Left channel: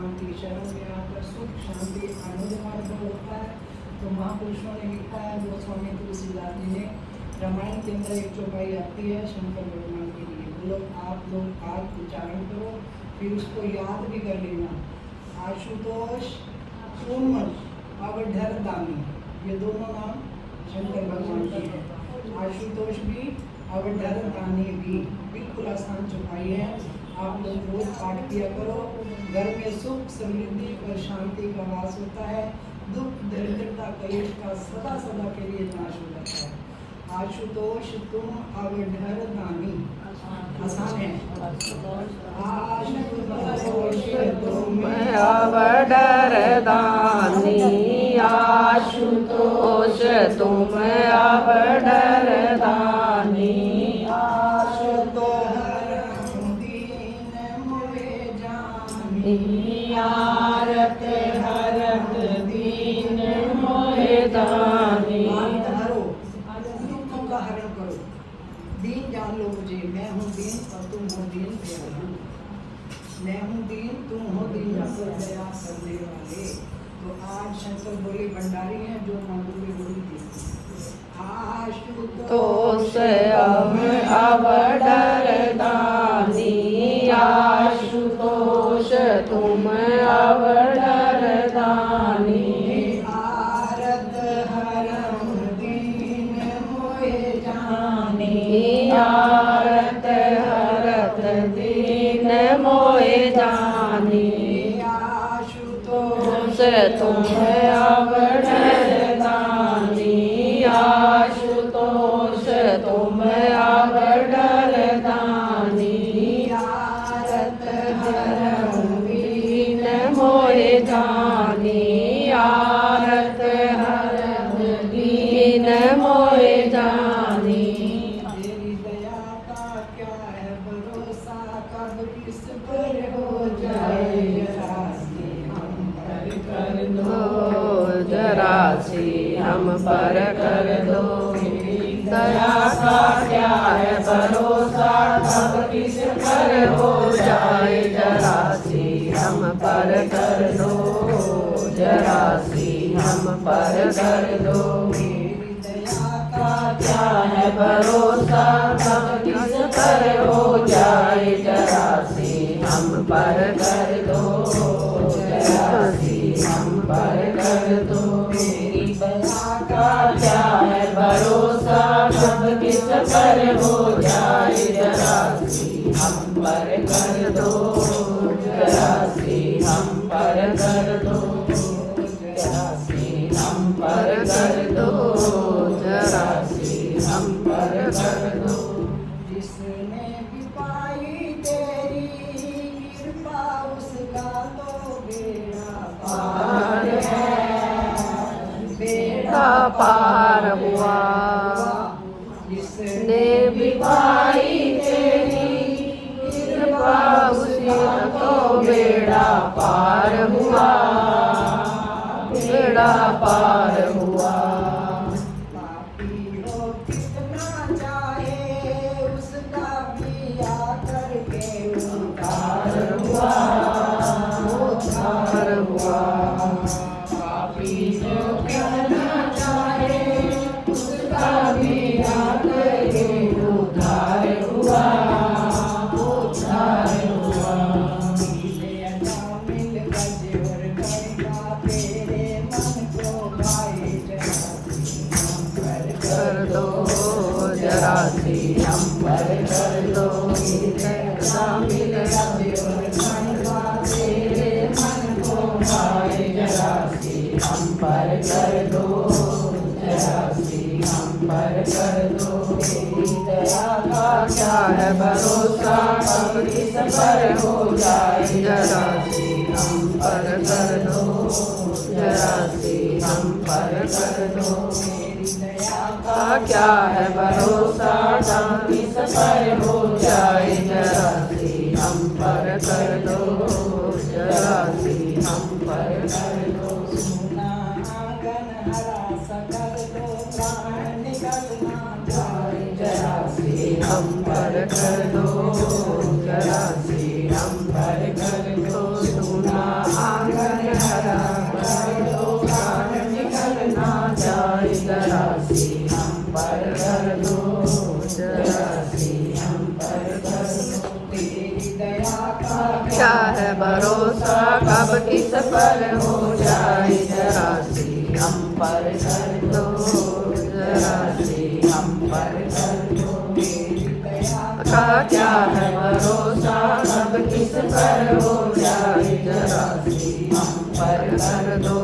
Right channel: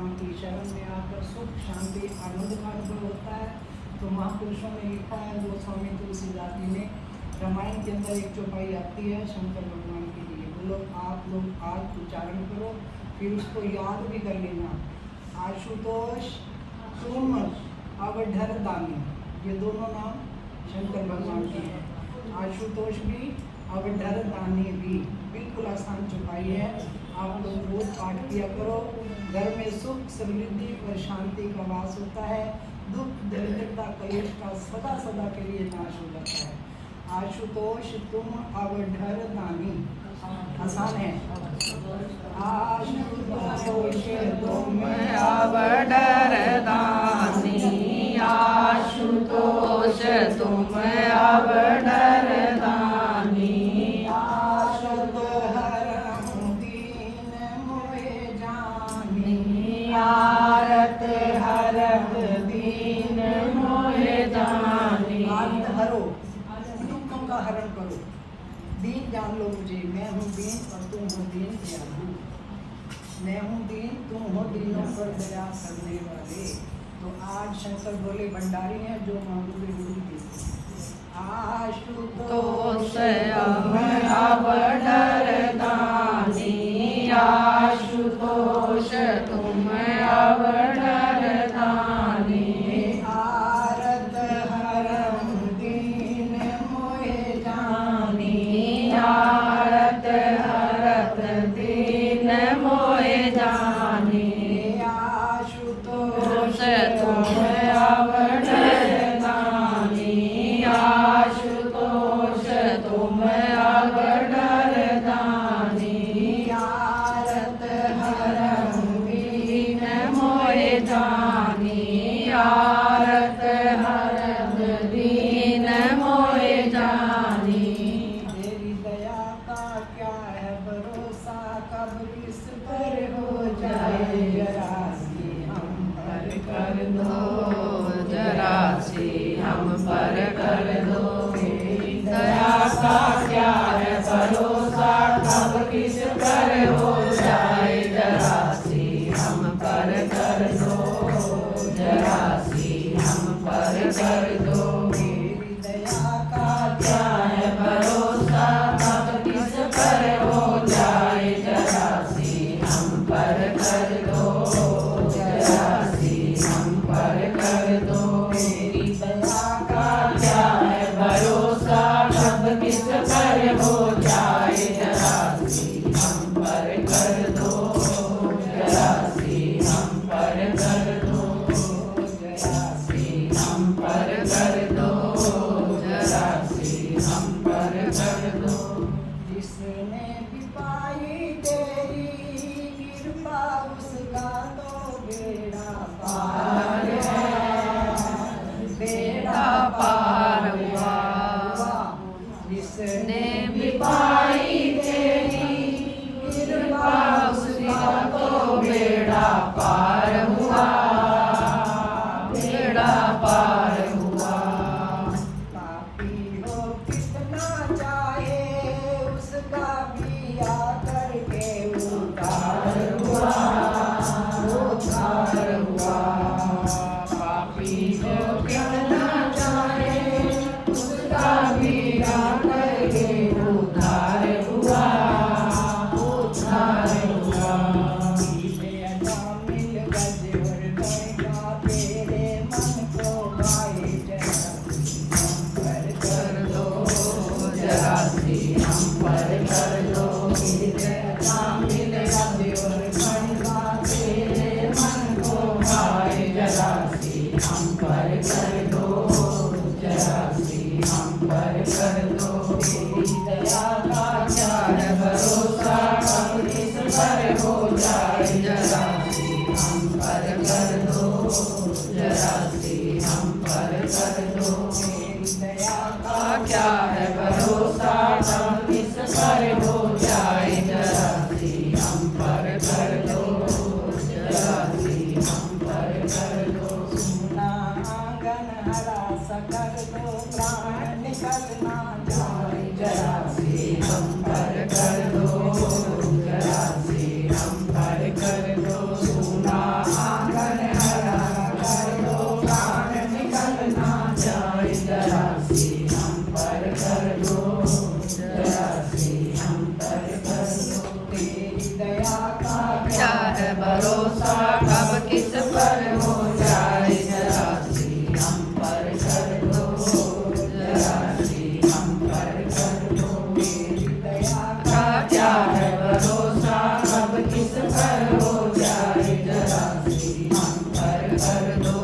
शांति, शरण में आकर सुख शांति आनंद प्राप्त होता है। तो महापुरुषों ने लिखा है, गोस्वामी तुलसीदास जी ने रामायण के अंदर एक चौपाई आती है शंकर भगवान के लिए। बोलो आप लोग आज उच्चारण करो, फिर उसको याद भी कर लेना। आशुतोष तुम अवधर दानी, ये दोनों नाम शंकर भगवान के हैं। आशुतोष भी अवधर दानी भी, बिल्कुल आसान चौपाई है। आप लोग रोज पाठ किया करो। घर में सुख समृद्धि और शांति का वास होता है। दुख दरिद्रता कलेश का सदा सदा के लिए नाश हो जाता है। आशुतोष तुम अवधर दानी, आसान है। आशुतोष तुम अवधर दानी, आशुतोष तुम अवधर दानी, आशत हरम दीन मोहे जानी, आरत हरत दीन मोहे जानी। आरत हरो, दुखों का हरण करो। दीन जान लो मुझे, मैं हूँ दीन और तुम हो दीन दयालु। मैं हूँ दीन, तुम हो दीन पर दया करने वाले। तो आज शंकर बोले भंडारी हैं, जो मांगोगे वो भी देते हैं। आशुतोष अवधर दानी, आशुतोष तुम अवधर दानी, आरत हरम दीन मोहे जानी, आरत हरत दीन मोहे जानी। आशुतोष तुम अवधर दानी, आशुतोष तुम अवधर दानी, आरत हरम दीन मोहे जानी, आरत हरम दीन मोहे जानी। तेरी दया का क्या है भरोसा, कब किस पर हो जाए जरा से हम पर कर दो जरा सी हम पर कर दो। दया का क्या है भरोसा, कब किस पर हो जाए जरा सी हम पर कर दो, जरा सी हम पर कर दो। तेरी दया का क्या है भरोसा, कब किस पर हो जाए जरा सी हम पर कर दो, जरा सी हम पर कर दो। तेरी दया का क्या है भरोसा, कब किस पर हो जाए जरा सी हम पर कर दो, जरा सी हम पर कर दो, जरा सी हम पर कर दो, जरा सी हम पर कर दो। जिसने भी पाई तेरी कृपा, उसका तो बेड़ा पार है, बेड़ा पार हुआ। जिसने भी पाई तेरी कृपा, उसका तो बेड़ा पार हुआ, बेड़ा पार हुआ। पापी हो कितना चाहे, उसका भी आकर के उद्धार हुआ, उद्धार हुआ। पापी हो कितना चाहे, उसका भी आकर के उद्धार हुआ, उद्धार हुआ। मिल गज और गंगा तेरे मन को भाई कर दो, जरा सी हम पर कर दो। शामिल गज और गंगा तेरे मन को भाई, जरा सी हम पर कर दो, जरा सी हम पर कर दो। तेरी दया का क्या है भरोसा, कब किस पर हो जाए जरा सी हम पर कर दो, जरा सी हम पर कर दो। दया का क्या है भरोसा, कब किस पर हो जाए जरा सी हम पर कर दो, जरा सी हम पर कर दो। सुना आंगन हरा सकर दो, प्राण निकलना जाए जरा सी हम पर कर दो, जरा सी हम पर कर दो। सुना किस पर हो जाए जरा सी हम पर कर दो, जरा सी हम पर कर दो। मेरी दया का क्या है भरोसा, अब किस पर हो जाए जरा सी हम पर कर दो,